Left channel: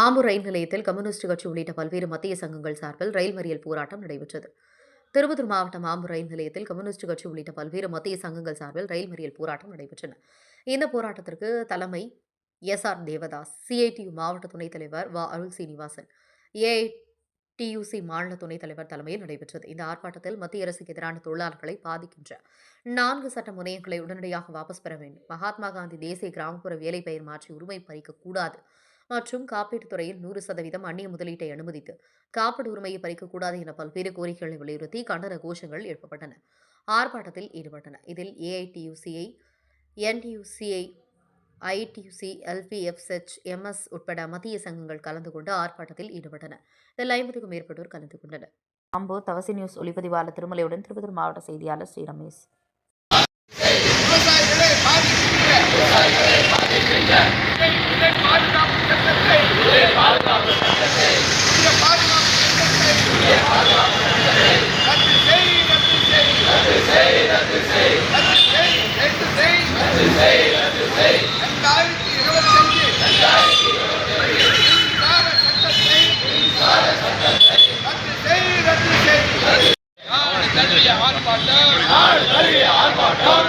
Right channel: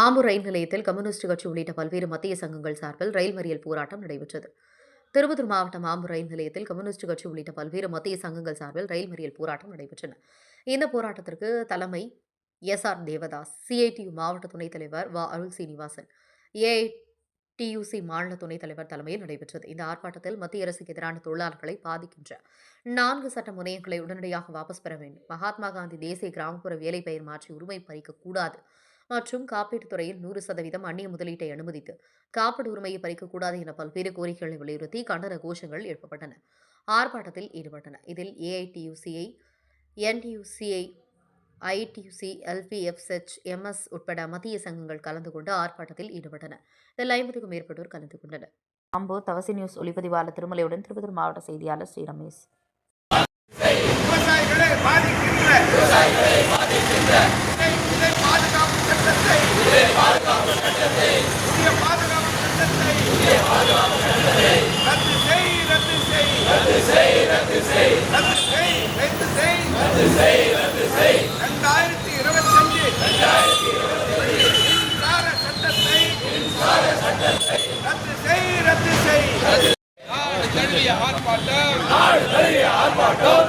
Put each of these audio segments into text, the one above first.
ஆம்பூர் ரயில் நிலையத்தில் கம்யூனிஸ்ட் கட்சி உள்ளிட்ட பல்வேறு மத்திய சங்கங்கள் சார்பில் ரயில் மறியல் போராட்டம் நடைபெற்றது. திருப்பத்தூர் மாவட்டம் ஆம்பூர் ரயில் நிலையத்தில் கம்யூனிஸ்ட் கட்சி உள்ளிட்ட பல்வேறு மத்திய சங்கங்கள் சார்பில் ரயில் மறியல் போராட்டம் நடைபெற்றன. இந்த போராட்டத்திற்கு தலைமை எஸ்.ஆர். தேவதாஸ், சிஐடியு மாவட்ட துணைத் தலைவர் வ. அருள் சீனிவாசன், ஏஐடியுசி மாநில துணைத் தலைவர் தலைமையில் நடைபெற்றது. இந்த ஆர்ப்பாட்டத்தில் மத்திய அரசுக்கு எதிரான தொழிலாளர்களை பாதிக்கின்ற 4 சட்ட முனையங்களை உடனடியாக வாபஸ் பெற வேண்டும், மகாத்மா காந்தி தேசிய கிராமப்புற வேலை பெயர் மாற்றி உரிமை பறிக்கக்கூடாது மற்றும் காப்பீட்டுத் துறையில் 100% அந்நிய முதலீட்டை அனுமதித்து காப்பீடு உரிமையை பறிக்கக்கூடாது என பல்வேறு கோரிக்கைகளை வலியுறுத்தி கண்டன கோஷங்கள் எழுப்பப்பட்டன. ஆர்ப்பாட்டத்தில் ஈடுபட்டன. இதில் ஏஐடியுசிஐ, என்டியுசிஐ, ஐடியுசி, எல்பிஎஃப்எச், எம்எஸ் உட்பட மத்திய சங்கங்கள் கலந்து கொண்டு ஆர்ப்பாட்டத்தில் ஈடுபட்டன. இதில் 50க்கும் மேற்பட்டோர் கலந்து கொண்டனர். ஆம்பூர் தவசி நியூஸ் ஒளிப்பதிவாளர் திருமலையுடன் திருப்பத்தூர் மாவட்ட செய்தியாளர் ஸ்ரீ ரமேஷ். பாதுகாப்பு சட்டத்தை ரத்து செய் 2025 ரத்து செய். ஆர்ப்பாட்டம்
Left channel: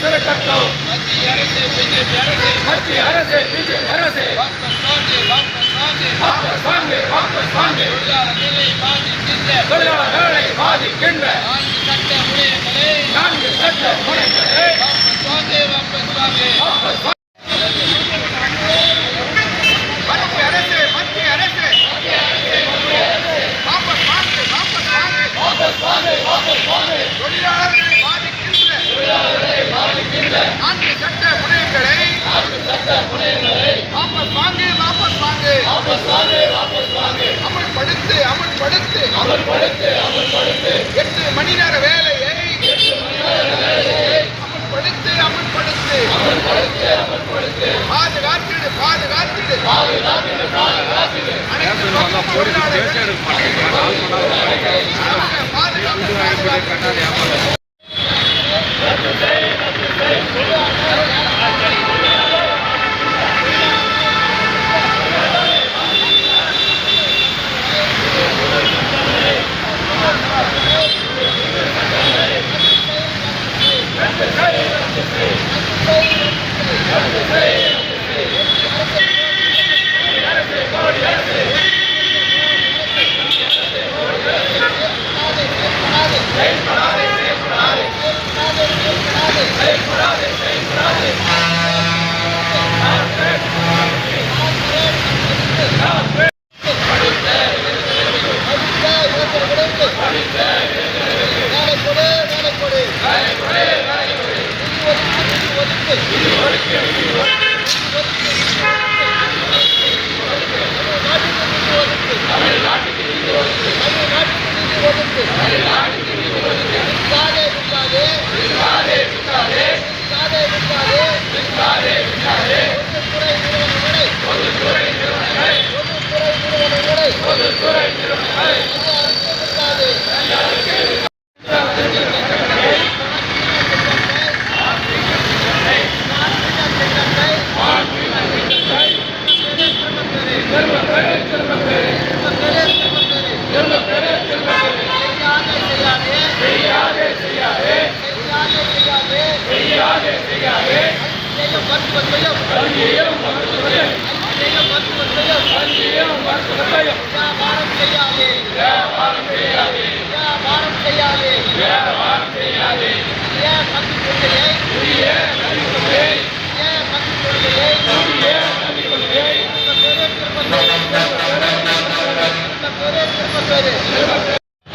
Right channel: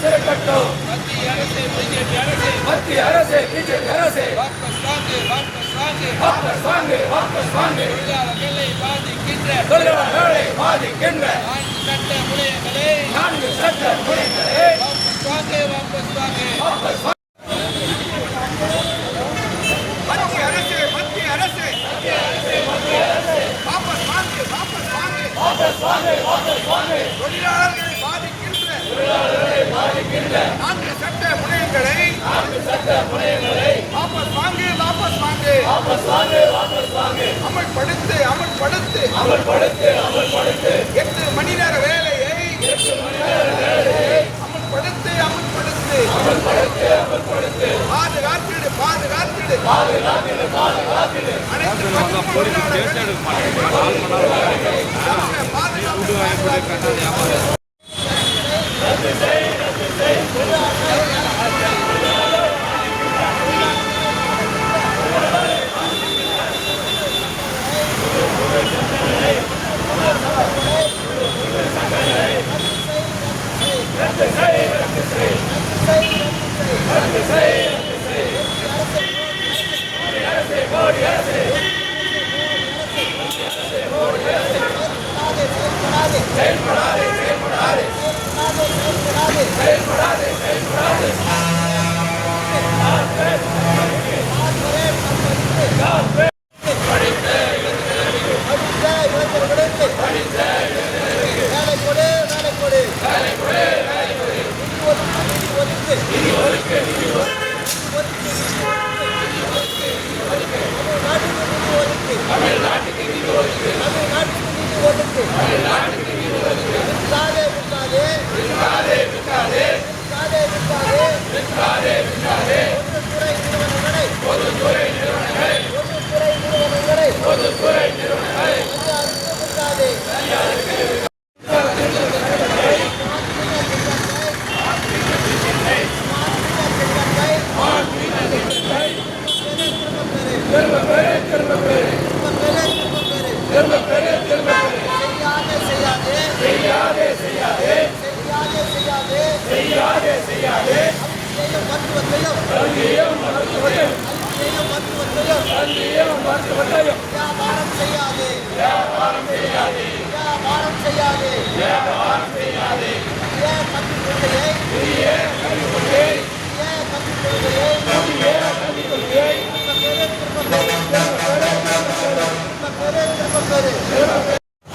சிறக்கட்டும். மத்திய அரசு பிஜேபி அரசு தொழிலாளர்களை பாதிக்கின்ற 4 சட்ட முறைகளை அமல்படுத்து 8 மணி நேர வேலையை அமல்படுத்து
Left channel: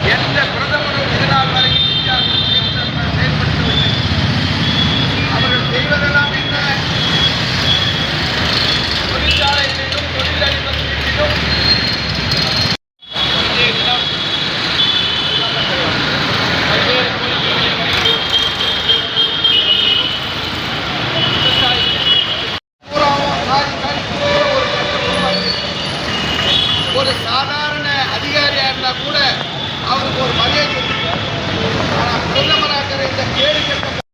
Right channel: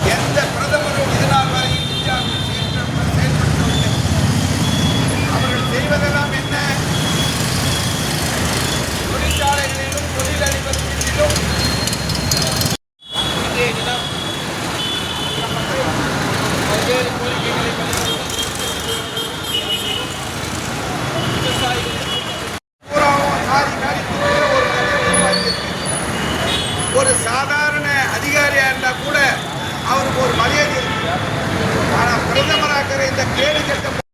எந்த பிரதமரும் இதனால் வரை அவர்கள் செய்வதெல்லாம் என்ன? தொழிற்சாலைகளிலும் தொழிலதிபர் வீட்டிலும் பூராவும் சாரி ஒரு மரியாதை இருக்கு. ஆனால் பிரதமராக்கிற இந்த கேடு கட்ட